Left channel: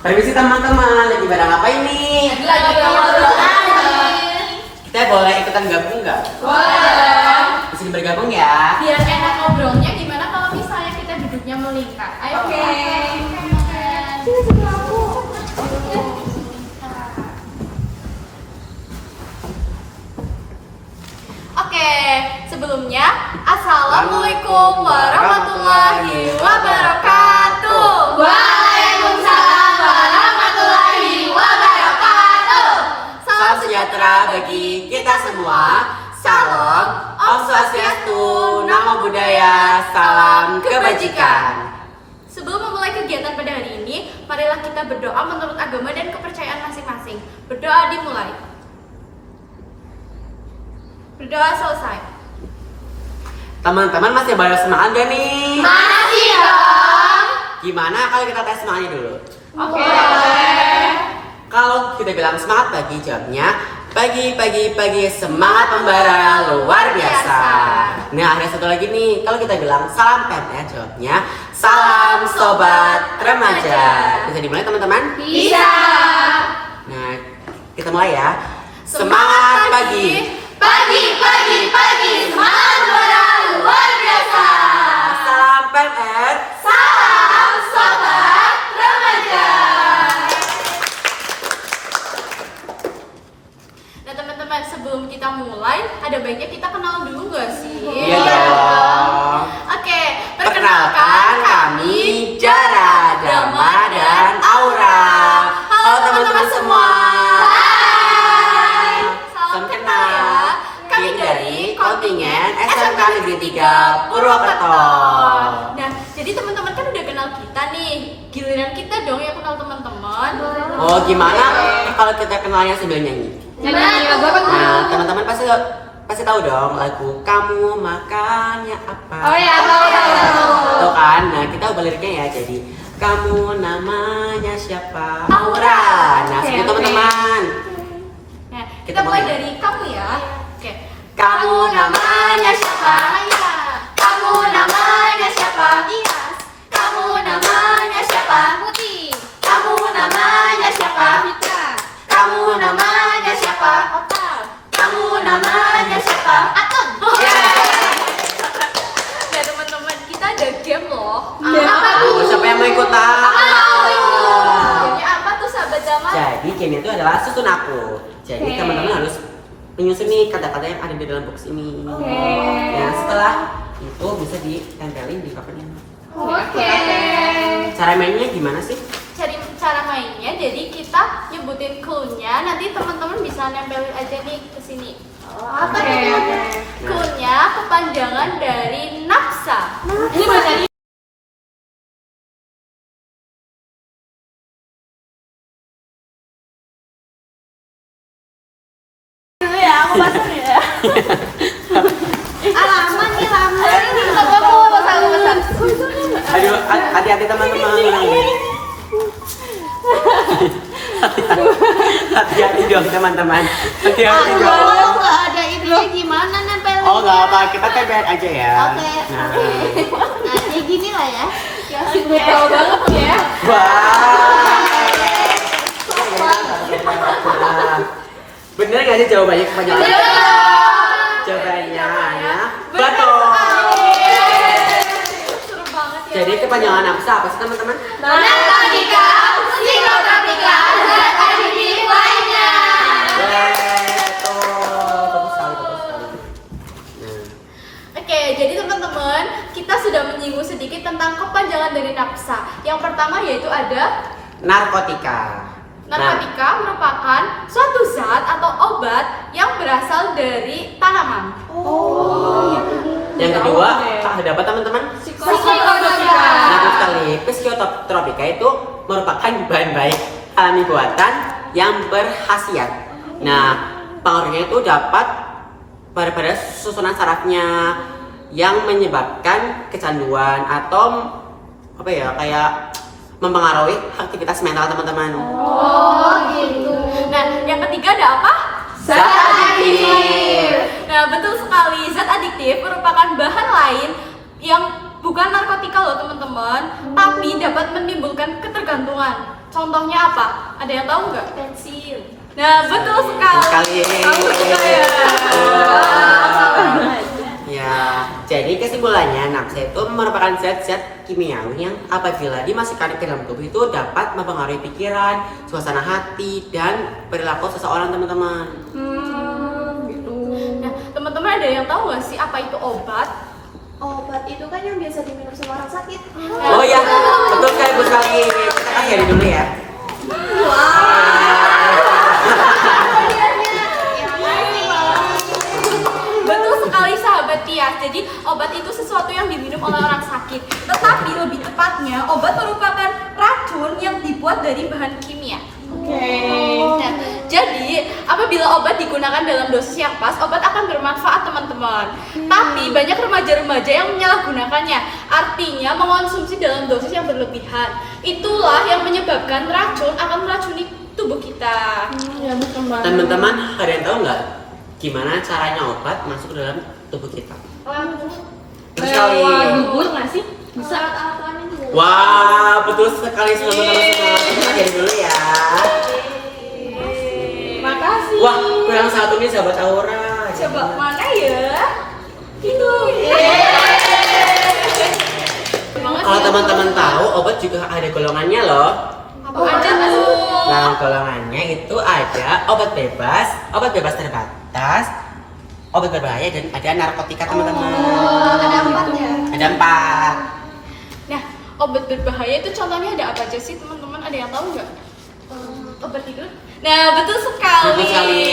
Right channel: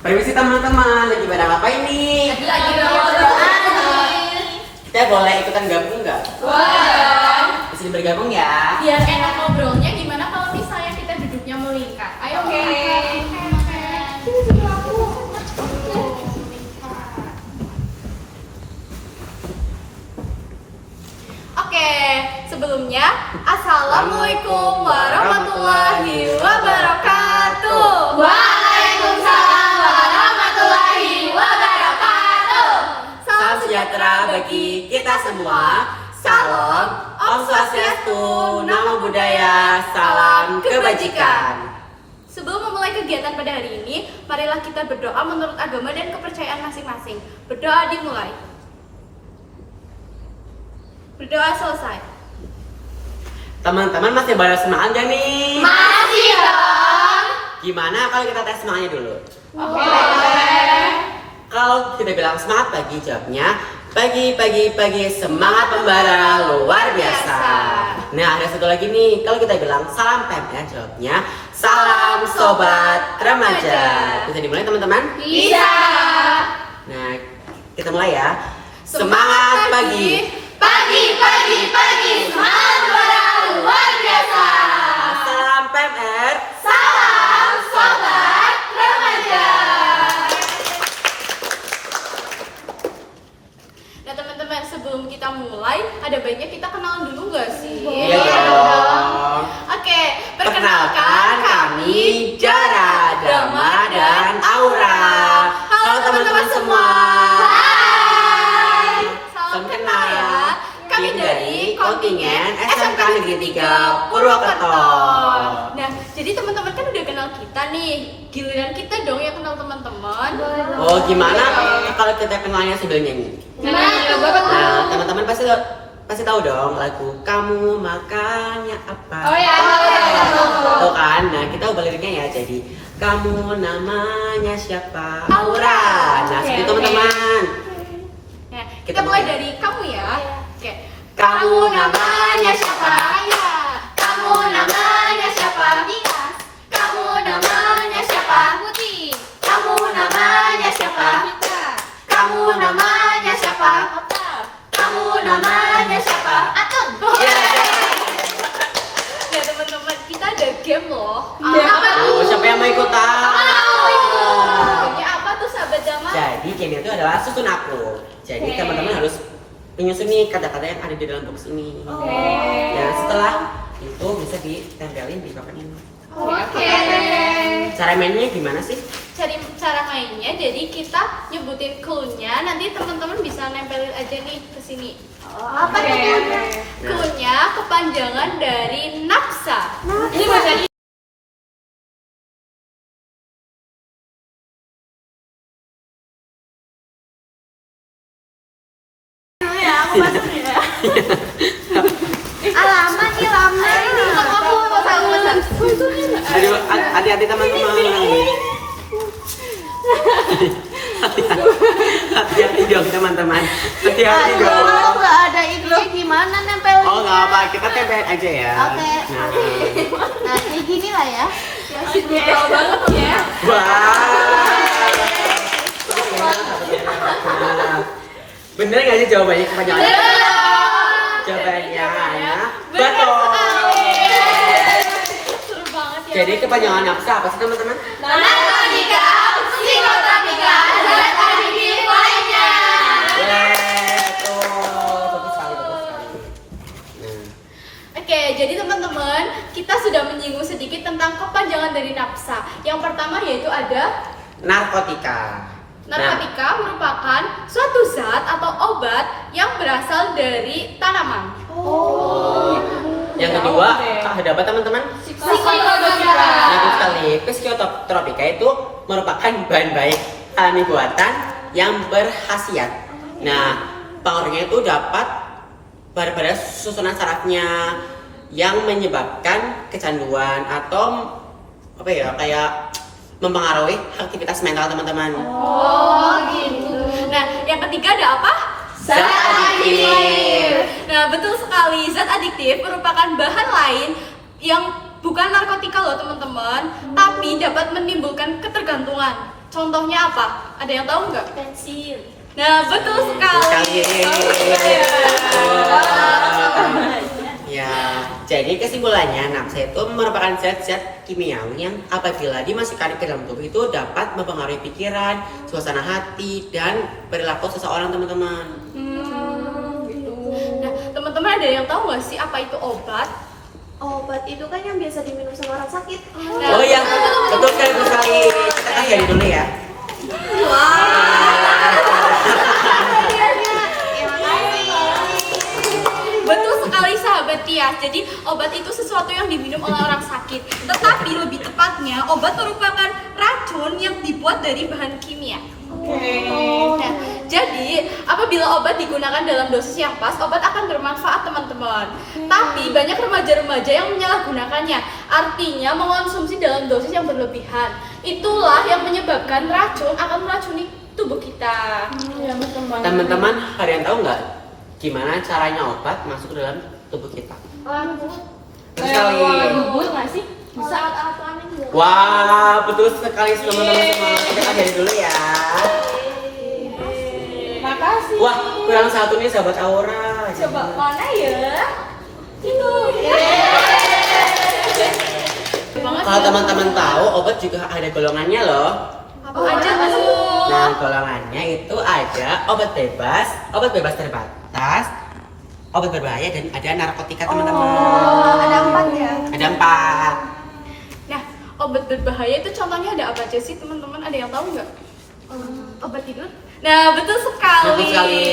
Permisi teman-teman, lagi pada ngapain nih? Lagi berdoa. Kita boleh ikutan gabung nggak? Boleh. Bisa bergabung ya? Biar enak ngobrolnya, gimana kalau misalnya kita duduknya melingkar? Ayo. Oke. Oke, sebelumnya Assalamualaikum warahmatullahi wabarakatuh. Waalaikumsalam warahmatullahi wabarakatuh. Salam sejahtera bagi kita semua. Salam, Om Swastiastu, Namo Buddhaya, salam kebajikan. Sebelum memulai kegiatan pada hari ini, marilah kita berdoa menurut agama dan kepercayaan masing-masing. Berdoa dimulai. Berdoa selesai. Teman-teman masih pada semangat gak nih? Masih dong. Gimana kalau kita tes semangatnya dulu? Oke. Kalau kita bilang semangat pagi, jawabnya pagi semangat membara luar biasa. Nah, ada satu lagi nih. Kalau kita bilang salam PMR, jawabnya salam sobat remaja. Bisa dimulai teman-teman? Bisa. Nah, kita mulai ya. Semangat pagi. Pagi, semangat membara luar biasa. Salam PMR. Salam sobat remaja. Nah teman-teman, sebelum kita mulai, ada baiknya kita kenalan dulu gak sih? Iya dong. Oke, Perkenalkan kami Jara, Dama, dan Aura. Halo teman-teman semua. Hai. Salam kenal ya. Kami dari kontingen SMK Negeri 3 Purwokerto. Nah, jadi teman-teman kan udah kenal kita nih. Giliran kita dong yang kenal teman-teman. Oh, gimana kalau kita kenalnya sambil nyanyi? Nah, teman-teman pasti tahu dong lagu Kamu Makannya Apa. Oh ya. Tuh kan, nah kita ubah liriknya ya, jadi kamu namanya siapa? Aura. Nah, Oke, segitu teman-teman. Nah, kita mulai dari kamu ya. Oke. Kamu namanya siapa? Kamu namanya siapa? Kamu namanya siapa? Putih. Kamu namanya siapa? Kita. Kamu namanya siapa? Kamu namanya siapa? Atun. Nah teman-teman, kita ada game loh. Apa Oh, siapa yang mau ikutan? Gamenya apa tuh sahabat Dama? Jadi game itu adalah susun aku. Jadi teman-teman harus menyusun nih kata-kata yang ada di dalam box ini. Ya, setelah itu bisa ditempelin di covernya. Oke. Cara mainnya gimana sih? Cara mainnya, jadi kita nyebutin clue-nya, nanti teman-teman bisa nempelin aja nih ke sini. Apa tuh? Clue-nya kepanjangan dari nafsa. Ini bacanya. Alamat nih lama. Aduh, hati-hati teman-teman. Hati-hati dong teman-teman. Hati-hati dong. Nggak ada ininya gimana nempelin? Oh, nggak apa, kita tempel aja ya. Oke. Nah, Nah, kayak gini lah ya. Brutal banget ya. wah. Bener nggak sih jawabannya kepanjangan? Jawabannya betul. Seru banget ya. Jadi kepanjangan nafsa apa sih teman-teman? narkotika, psikotropika, zat adiktif lainnya. Betul, bagus sekali, bagus sekali. Nah, Oke, jadi teman-teman, kita sudah menyinggung sedikit tentang kepanjangan dari nafsa. Yang pertama yaitu ada narkotika. narkotika merupakan suatu zat atau obat yang berasal dari tanaman. Yang kedua, ada apa teman-teman? Psikotropika. Betul sekali. Psikotropika itu merupakan bahan baik alami buatan yang berkhasiat. Nah, pengaruhnya itu dapat pada susunan sarafnya yang menyebabkan kecanduan atau apa ya, kayak mempengaruhi aktivitas mental teman-teman. Oh, gitu. Nah, yang ketiga ada apa? Zat adiktif. Nah, betul sekali. Zat adiktif merupakan bahan lain yang bukan narkotika loh teman-teman, tapi dapat menimbulkan ketergantungan. Contohnya apa? Ada yang tahu nggak? Pensil. Nah, betul sekali. Ya, jadi kesimpulannya nafsa itu merupakan zat-zat kimiawi yang apabila dimasukkan ke dalam tubuh itu dapat mempengaruhi pikiran, suasana hati, dan perilaku seseorang teman-teman. Gitu. Nah, teman-teman ada yang tahu nggak sih apa itu obat? Obat itu kan yang biasa diminum sama orang sakit. Oh ya, betul sekali. Kita akhiri dulu ya. Betul sekali sahabat Tias. Jadi obat itu sesuatu yang diminum oleh orang sakit. Tetapi lebih tepatnya obat merupakan racun yang dibuat dari bahan kimia. Nah, jadi apabila obat digunakan dalam dosis yang pas, obat akan bermanfaat teman-teman. Tapi banyak remaja-remaja yang menyalahgunakannya. Artinya mengonsumsi dalam dosis yang berlebihan. Itulah yang menyebabkan racun akan meracuni tubuh kita. Teman-teman, ada yang tahu nggak gimana caranya obat masuk ke dalam tubuh kita? Betul sekali. Gugur nggak sih? Bisa. Wah, betul sekali teman-teman semua. Kita akhiri dulu ya. Makasih. Wah, kurang satu nih sahabat Aura. Coba mana ya? Itu. Kalau teman-teman tahu, obat juga ada golongannya loh. Apa aja tuh? Nah, golongannya itu ada obat bebas terbatas, obat berbahaya, dan ada narkotika teman-teman. Ada 4 ya? Ada 4. Nah, obat berbahaya itu contohnya ada apa aja sih teman-teman? Ada yang tahu nggak? Obat tidur? Nah, betul sekali. Betul sekali.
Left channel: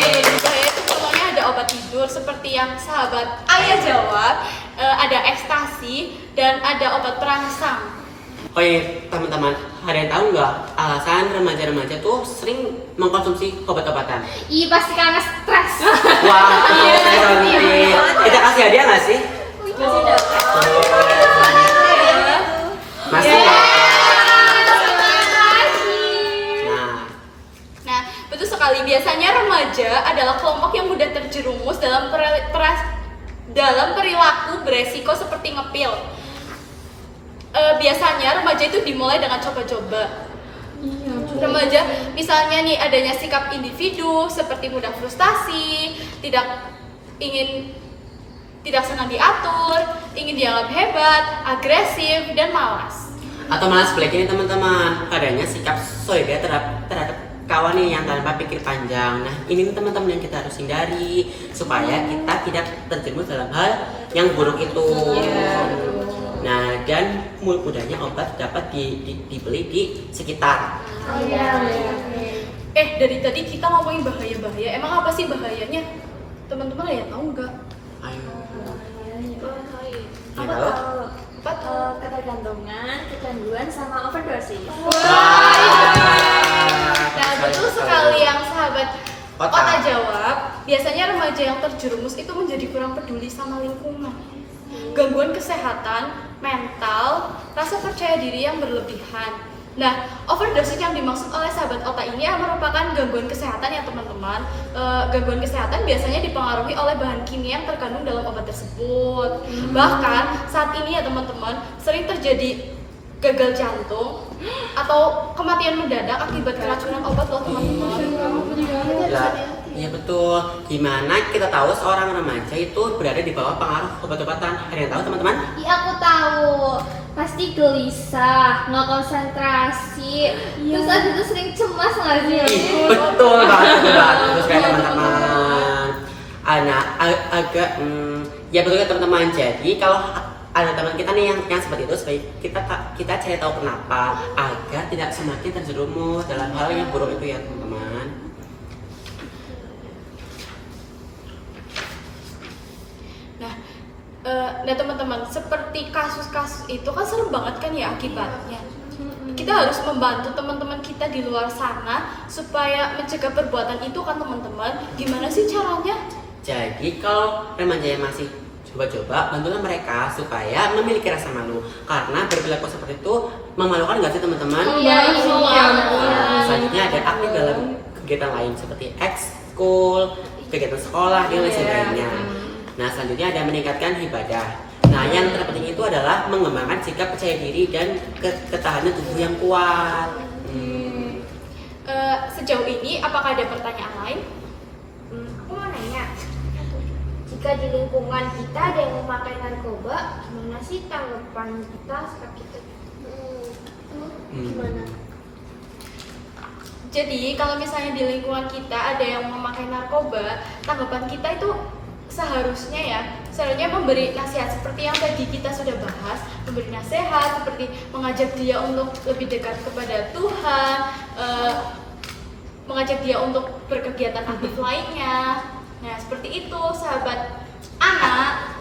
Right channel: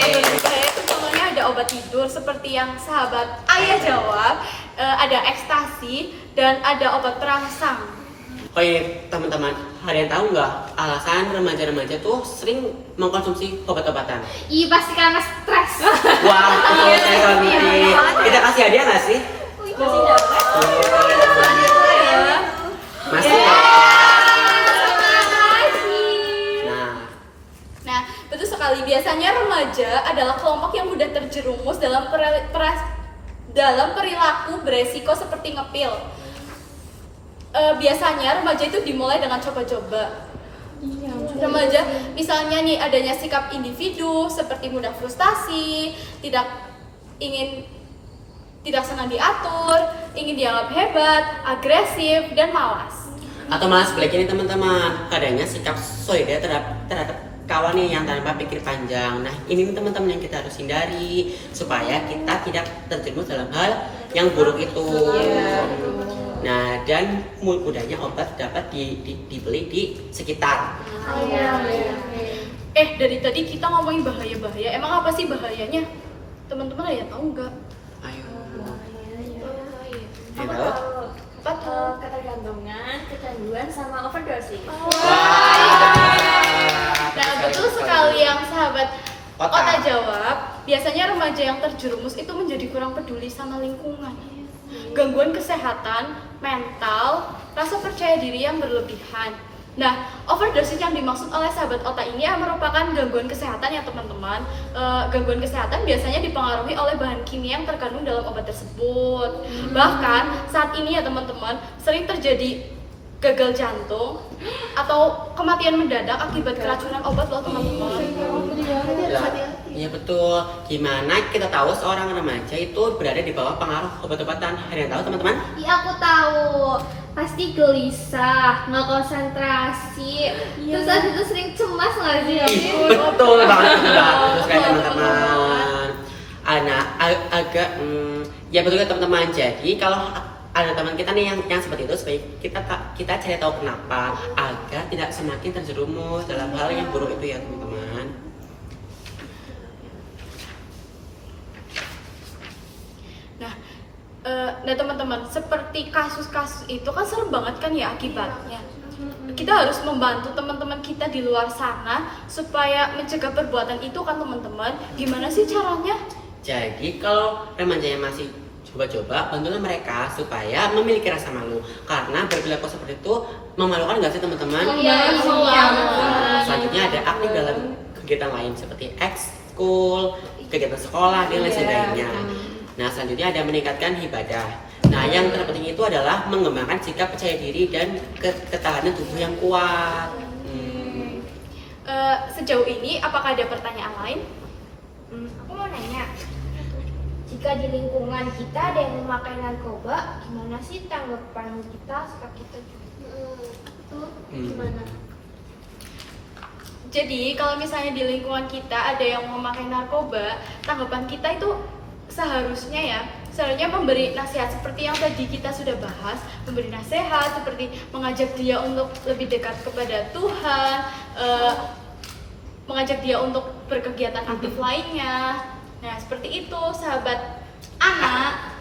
Obat berbahaya itu contohnya ada obat tidur seperti yang sahabat Ayah jawab, ada ekstasi dan ada obat perangsang. Oke, teman-teman, ada yang tahu nggak alasan remaja-remaja tuh sering mengkonsumsi obat-obatan? Iya pasti karena stres. Wah, betul sekali teman-teman. Kita kasih hadiah nggak sih? Masih dapat. Masih. Nah, betul sekali. Biasanya remaja adalah kelompok yang mudah terjerumus dalam perilaku beresiko seperti ngepil. Biasanya remaja itu dimulai dengan coba-coba. Remaja, misalnya nih adanya sikap individu seperti mudah frustasi, tidak senang diatur, ingin dianggap hebat, agresif, dan malas. Atau malah sebaliknya nih teman-teman, adanya sikap solidar terhadap kawannya yang tanpa pikir panjang. Nah, ini teman-teman yang kita harus hindari supaya kita tidak terjerumus dalam hal yang buruk itu. Nah, dan mudahnya obat dapat dibeli di sekitar. Dari tadi kita ngomongin bahaya-bahaya. Emang apa sih bahayanya? Teman-teman ada yang tahu nggak? Ayo. Apa Tahu? Apa tuh? Ketergantungan, kecanduan, sama overdosis. Nah, betul sekali yang sahabat Ota. Ota jawab. Biasanya remaja yang terjerumus itu menjadi kurang peduli sama lingkungan. Gangguan kesehatan, mental, rasa percaya diri yang berlebihan. Nah, overdosis yang dimaksud oleh sahabat Ota ini merupakan gangguan kesehatan ya teman-teman. Gangguan kesehatan biasanya dipengaruhi oleh bahan kimia yang terkandung dalam obat tersebut. Bahkan saat ini ya teman-teman, sering terjadi gagal jantung atau kematian mendadak akibat keracunan obat loh teman-teman. Iya betul. Gimana kita tahu seorang remaja itu berada di bawah pengaruh obat-obatan? Ada yang tahu teman-teman? Iya aku tahu. Pasti gelisah, nggak konsentrasi, terus ada itu sering cemas nggak sih? Betul banget teman-teman. Agak ya betul ya teman-teman. Jadi kalau ada teman kita nih yang seperti itu, supaya kita cari tahu kenapa agar tidak semakin terjerumus dalam hal yang buruk itu ya teman-teman. Nah teman-teman, seperti kasus-kasus itu kan serem banget kan ya akibatnya. Kita harus membantu teman-teman kita di luar sana supaya mencegah perbuatan itu kan teman-teman. Gimana sih caranya? Jadi kalau remaja yang masih coba-coba, bantulah mereka supaya memiliki rasa malu. Karena berperilaku seperti itu memalukan nggak sih teman-teman? Iya. Selanjutnya ada aktif dalam kegiatan lain seperti ekskul, kegiatan sekolah, dan lain sebagainya. Nah, selanjutnya ada meningkatkan ibadah. Nah, yang terpenting itu adalah mengembangkan sikap percaya diri dan ketahanan tubuh yang kuat. Sejauh ini apakah ada pertanyaan lain? Aku mau nanya, jika di lingkungan kita ada yang memakai narkoba, gimana sih tanggapan kita saat kita gimana? Jadi kalau misalnya di lingkungan kita ada yang memakai narkoba, tanggapan kita itu seharusnya memberi nasihat seperti yang tadi kita sudah bahas, memberi nasihat seperti mengajak dia untuk lebih dekat kepada Tuhan, mengajak dia untuk berkegiatan aktif lainnya. Nah, seperti itu sahabat anak.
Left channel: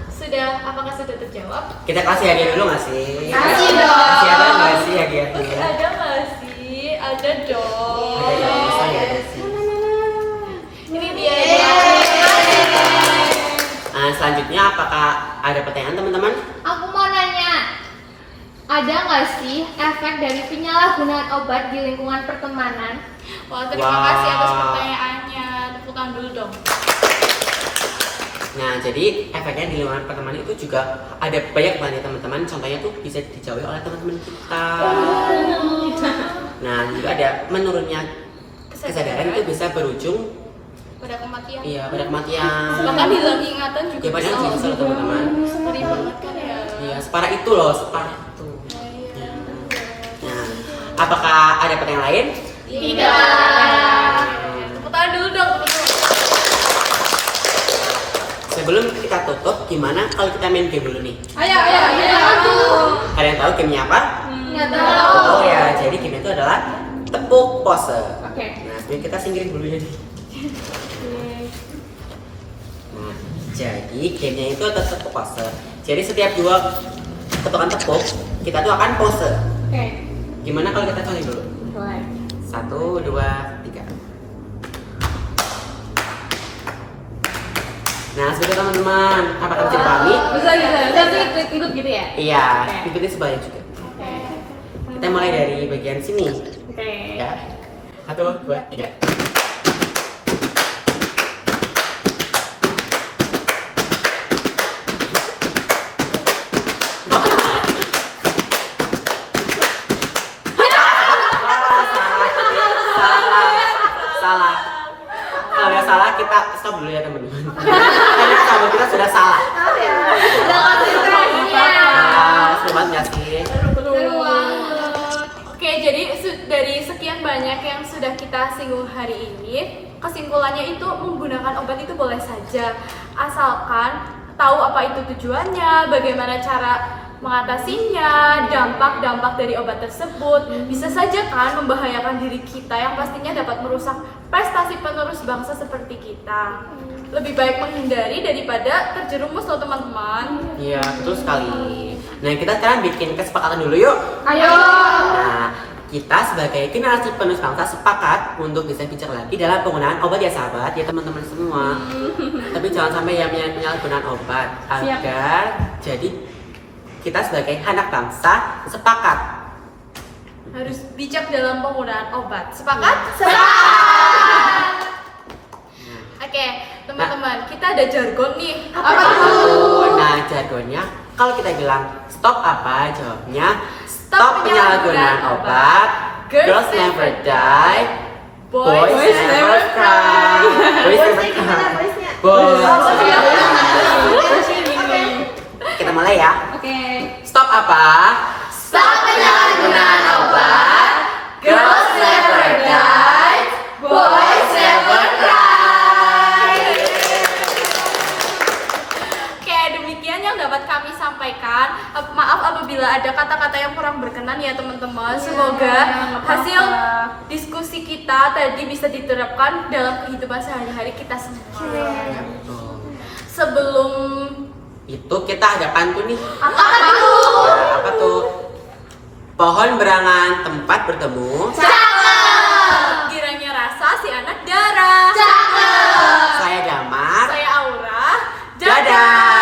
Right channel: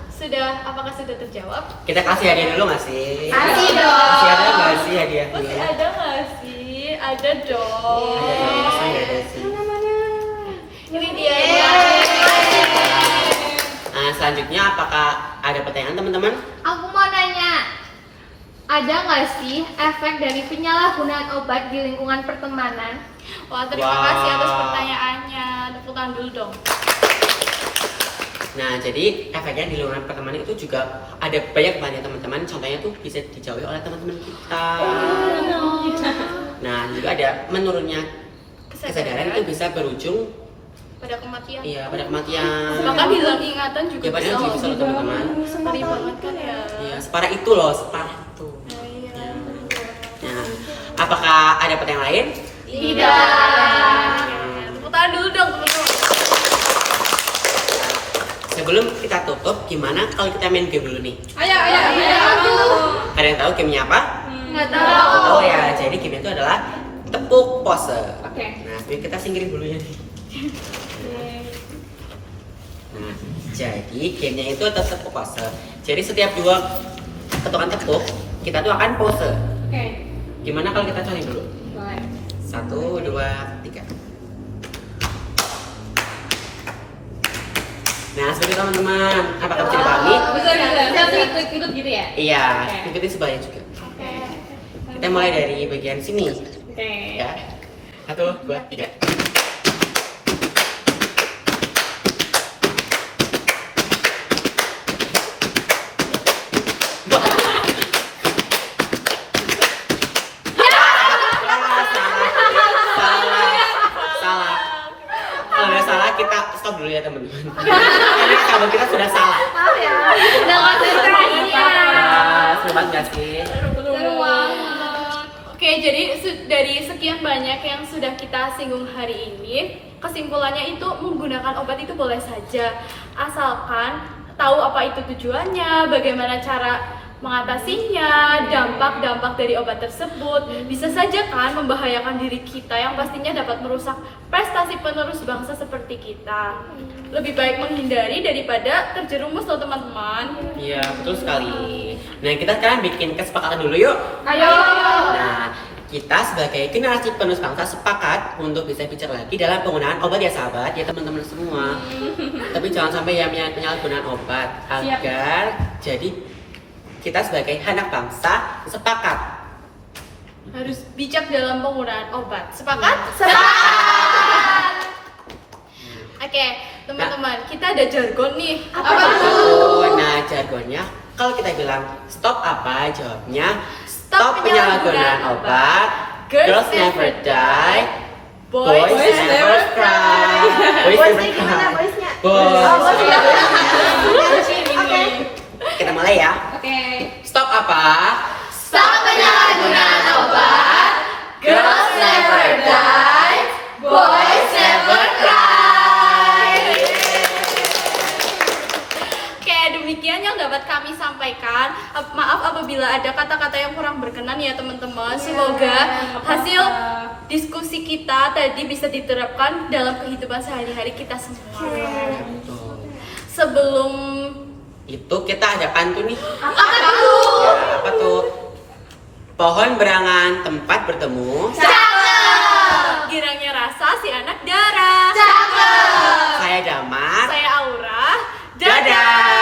Apakah sudah terjawab? Kita kasih hadiah dulu nggak sih? Kasih dong. Masih ada nggak sih hadiahnya? Masih ada nggak sih? Ada dong. Ada dong, saya ada sih. Ini dia. Nah, selanjutnya apakah ada pertanyaan teman-teman? Aku mau nanya, ada nggak sih efek dari penyalahgunaan obat di lingkungan pertemanan? Wah, terima kasih atas pertanyaannya. Tepuk tangan dulu dong. Nah, jadi efeknya di lingkungan pertemanan itu juga ada banyak banget teman-teman. Contohnya tuh bisa dijauhi oleh teman-teman kita. Nah, juga ada menurunnya kesadaran itu bisa berujung Pada kematian. iya pada kematian. Bahkan hilang ingatan juga Ya, padahal bisa bisa loh loh. teman-teman. Ngeri banget kan ya. Iya, separah itu loh, separah itu. Iya. Nah, apakah ada pertanyaan lain? Tidak. Tepuk tangan dulu dong teman-teman. Sebelum kita tutup, gimana kalau kita main game dulu nih? Ayo. Ada yang tahu gamenya apa? Nggak tahu. Oh ya, jadi game itu adalah tepuk pose. Oke. Nah, sebelum kita singkirin bulunya nih. Nah, jadi gamenya itu ada tepuk pose. Jadi setiap 2 ketukan tepuk, kita tuh akan pose. Oke. Gimana kalau kita coba dulu? Boleh. 1, 2, 3. Nah, seperti itu teman-teman. Apakah bisa dipahami? Bisa ikut gitu ya? Iya, Oke. ikutin sebanyak juga. Oke. Kita mulai dari bagian sini. Oke. Ya. 1, 2, 3. Salah. Kalau ada salah kita stop dulu ya teman-teman. Karena kabel kita sudah salah. Udah konsentrasi ya. Seru banget nggak sih? Seru banget. Oke, jadi dari sekian banyak yang sudah kita singgung hari ini, kesimpulannya itu menggunakan obat itu boleh saja, asalkan tahu apa itu tujuannya, bagaimana cara mengatasinya, dampak-dampak dari obat tersebut. Bisa saja kan membahayakan diri kita yang pastinya dapat merusak prestasi penerus bangsa seperti kita. Lebih baik menghindari daripada terjerumus loh teman-teman. Iya, betul sekali. Nah, kita sekarang bikin kesepakatan dulu yuk. Ayo. Nah, kita sebagai generasi penerus bangsa sepakat untuk bisa bicara lagi dalam penggunaan obat ya sahabat, ya teman-teman semua. Tapi jangan sampai yang penyalahgunaan obat agar jadi kita sebagai anak bangsa sepakat. Harus bijak dalam penggunaan obat. Sepakat? Sepakat. Oke, teman-teman, kita ada jargon nih. Apa itu? Nah, jargonnya kalau kita bilang stop apa, jawabnya stop penyalahgunaan obat. Girls never die. Boys never cry. Boys never cry. Boys. Kita mulai ya. Oke. Stop apa? Stop penyalahgunaan obat. Girls never die. Boys never cry. Oke, demikian yang dapat kami sampaikan. Maaf apabila ada kata-kata yang kurang berkenan ya teman-teman. Semoga hasil diskusi kita tadi bisa diterapkan dalam kehidupan sehari-hari kita semua. Ya, betul. Sebelum Itu kita ada pantun nih. Apa tuh? Ya, apa tuh? Pohon berangan tempat bertemu. Cakep. girangnya rasa si anak darah. Cakep. Saya Damar. Saya Aura. Dadah.